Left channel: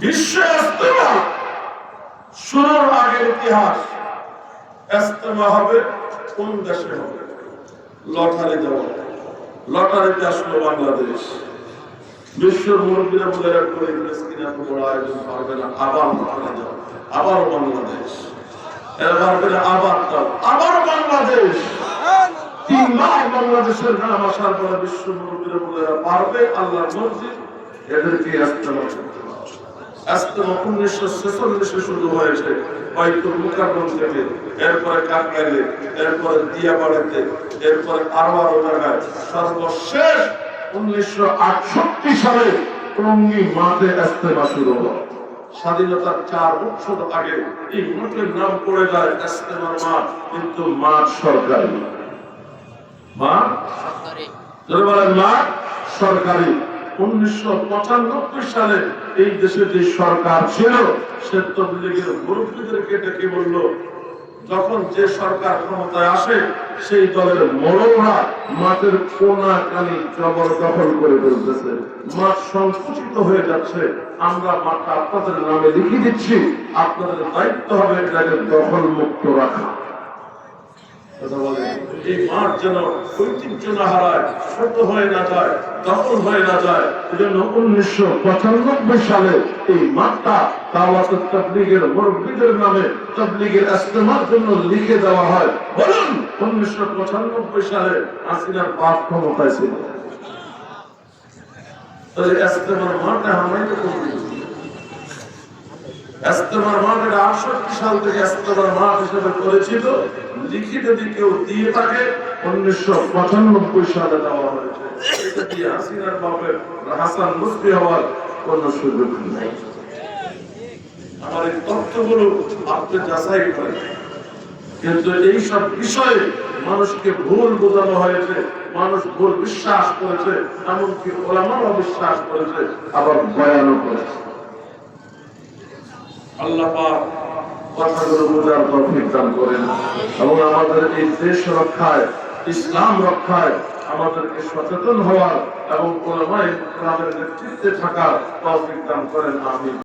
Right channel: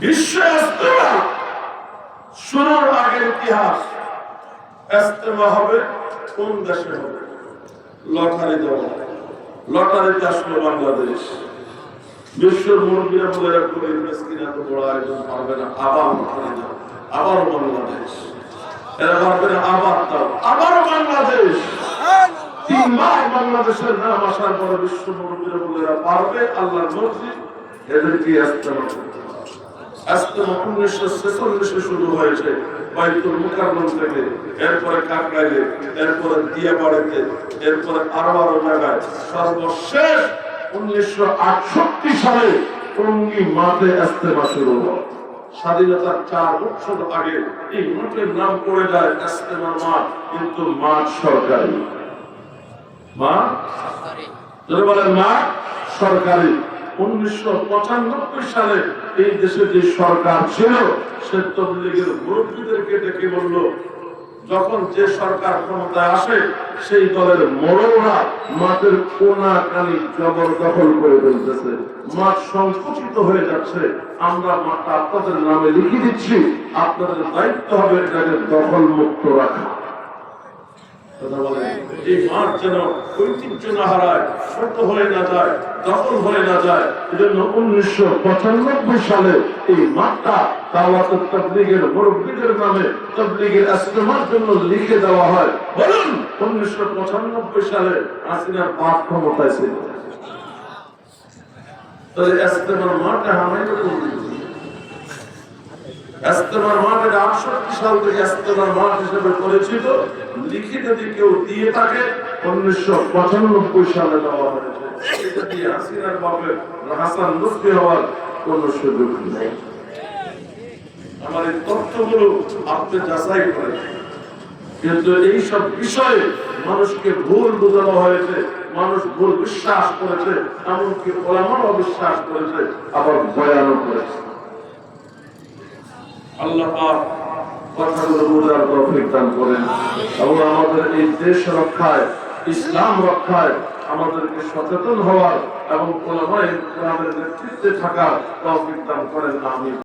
বিশ্ব ইস্তেমা শুরুর ইতিহাস। কোন দেশে হবে? লটারি দেওয়া। লটারিতে মুরব্বীরা পারবে না। আবার আবারও বাংলাদেশ। আবার দাও, আবারও বাংলাদেশ। তিনবার বাংলাদেশের নাম আসার পরে বিশ্ব মুরব্বীরা বলে পারবে, আল্লাহর মসজিদ এদেরকে ইস্তেমা করতে হবে। ইস্তেমা উনিশশো ছেচল্লিশে শুরু হয়েছে বাইতুল মুকাররম থেকে। এরপরে কাকরাইলে এরপরে দিয়াবাড়িতে এরপরে আরও আরও জায়গায় সর্বশেষ উনিশশো আটষট্টি সালে টঙ্গী মাঠে ইস্তেমা শুরু হয় স্বাধীনতার চার বছর আগে এই মাঠের নাম পড়ে যায় ইস্তেমার মাঠ কিন্তু মাঠ সরকারি। মাঠ? বলেন মাঠ সরকারি। সালে এই দেশে যে সরকার ছিল মুরব্বীদেরকে ডেকে বলল, যখন যে সরকার ক্ষমতায় আসে, সেই দলের মাঠের কোনা কানি জবরদখল করে ফেলতেছে। মাঠ সংকুচিত হয়ে যাচ্ছে। আমরা মাঠটা আপনাদের নামে লিখে দিচ্ছি। আপনাদের দায়িত্ব হবে এটাকে দখল মুক্ত রাখা। কথা বলেন। এই মাঠ যেন ঐতিহ্য না হারায়, ছোট হয়ে না যায়, দখল হয়ে না যায়, এজন্য উনিশশো পঁচানব্বই সালে এই মাঠটা দাওয়াত তবলিগের মুরব্বীদের নামে তবলিগের ইস্তেমার জন্য লিখে দেওয়া হয়। বলুন, উনিশশো পঁচানব্বই সালে আসিনার বাপ ক্ষমতায় ছিল। তাহলে ইস্তেমার মাঠটা আমরা এরকম। আমার এই তথ্যগুলো আপনি যাচাই করেন। কিন্তু এইসব বিষয়ে মানুষকে ভুল বোঝানো হয়েছে, মানুষ ভুল বিশ্বাস করেছে, এমনকি ওলামাও বিশ্বাস করেছে, আবার বয়ানও করেছে। আল্লাহ পাক কথাগুলো বোঝার তৌফিক দান করেন এবং আমাদের এই দেশ রক্ষায়, ইসলাম রক্ষায় আমাদেরকে সচেতন হওয়ার এবং কোন নেতৃত্বে থাকার তৌফিক দান করেন, আমিন।